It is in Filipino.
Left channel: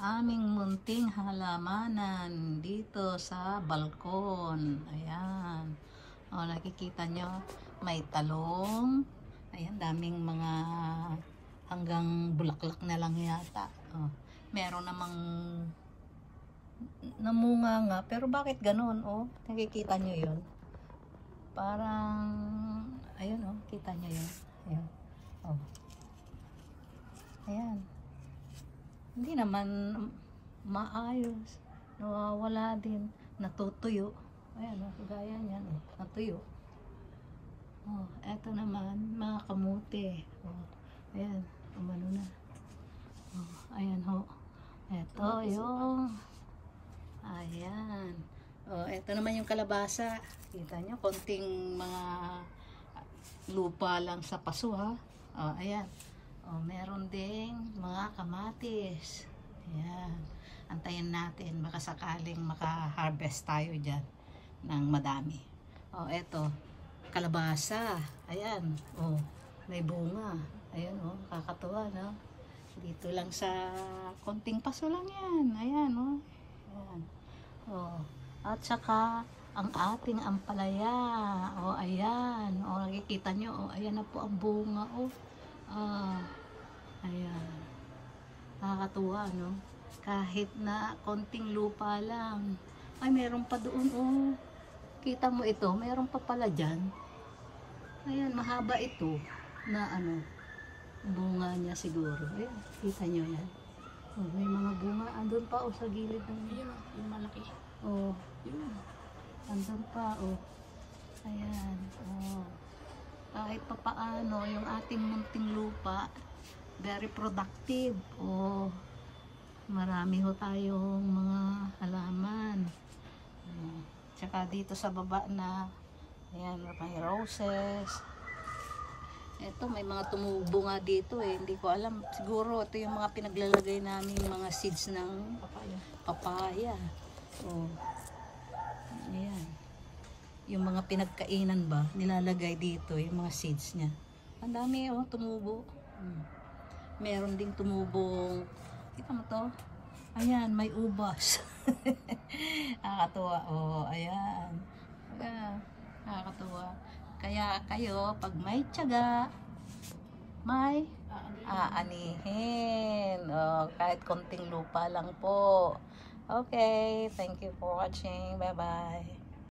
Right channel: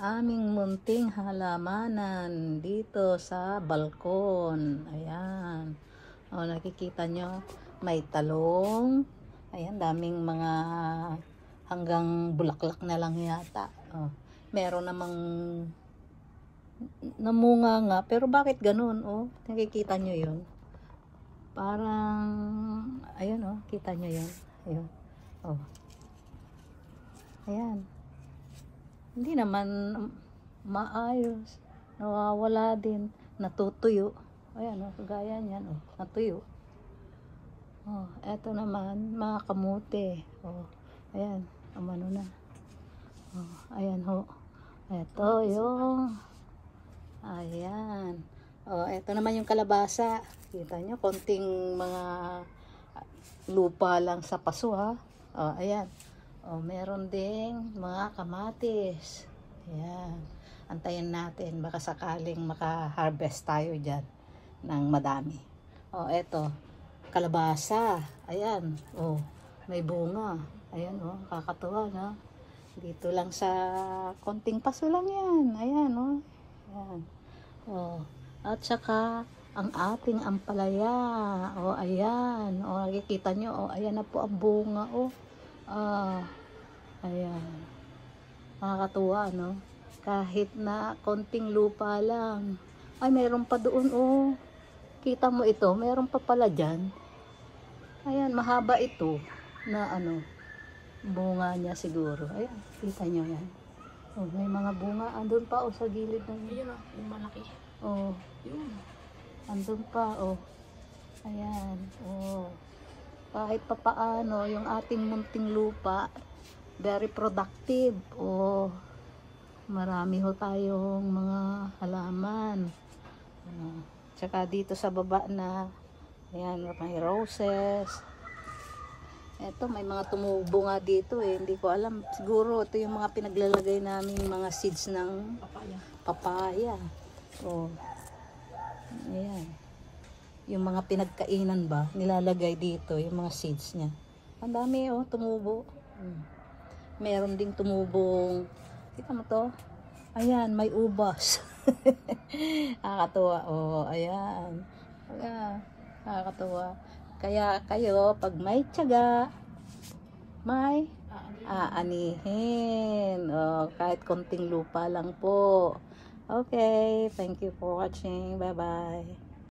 aming munting halamanan dito sa balkon. Ayan. O, nakikita nyo, may talong. Ayan, daming mga hanggang bulaklak na lang yata. O, meron namang namunga nga, pero bakit ganun? O, nakikita nyo yun. Parang, ayun o, kita nyo yun. Ayun. O. Ayan. Hindi naman maayos. Nawawala din. Natutuyo. Ayan o, kagaya niyan o, natuyo. O, eto naman, mga kamote. O, ayan, umano na. O, ayan ho. Eto yung, ayan. O, eto naman yung kalabasa. Kita nyo, konting mga lupa lang sa paso ha. O, ayan. O, meron ding mga kamatis. Ayan. Antayin natin. Baka sakaling maka-harvest tayo dyan ng madami. O, eto. Kalabasa. Ayan. O, may bunga. Ayan o. Kakatuwa na. Dito lang sa konting paso lang yan. Ayan o. Ayan. O, at saka ang ating ampalaya. O, ayan. O, nakikita nyo. O, ayan na po ang bunga. O, ayan. Nakakatuwa, no? Kahit na konting lupa lang. Ay, meron pa doon, oh. Kita mo ito, meron pa pala dyan. Ayan, mahaba ito. Na ano, bunga niya siguro. Ayan, kita nyo yan. Oh, may mga bunga. Andun pa, oh, sa gilid ng... Ayun, yung malaki. Oh, Yun. andun pa, oh. Ayan, oh. Kahit pa paano, yung ating munting lupa, very productive. O, marami ho tayong mga halaman. Tsaka dito sa baba na, ayan, may roses. Eto, may mga tumubo nga dito eh. Hindi ko alam. Siguro, ito yung mga pinaglalagay namin mga seeds ng papaya. O, ayan. Yung mga pinagkainan ba, nilalagay dito, yung mga seeds niya. Ang dami oh, tumubo. Meron ding tumubong, kita mo to? Ayan, may ubas. Nakakatuwa. Oh, ayan. Ayan, nakakatuwa. Kaya kayo, pag may tiyaga, may aanihin. Oh, kahit konting lupa lang po. Okay, thank you for watching. Bye-bye.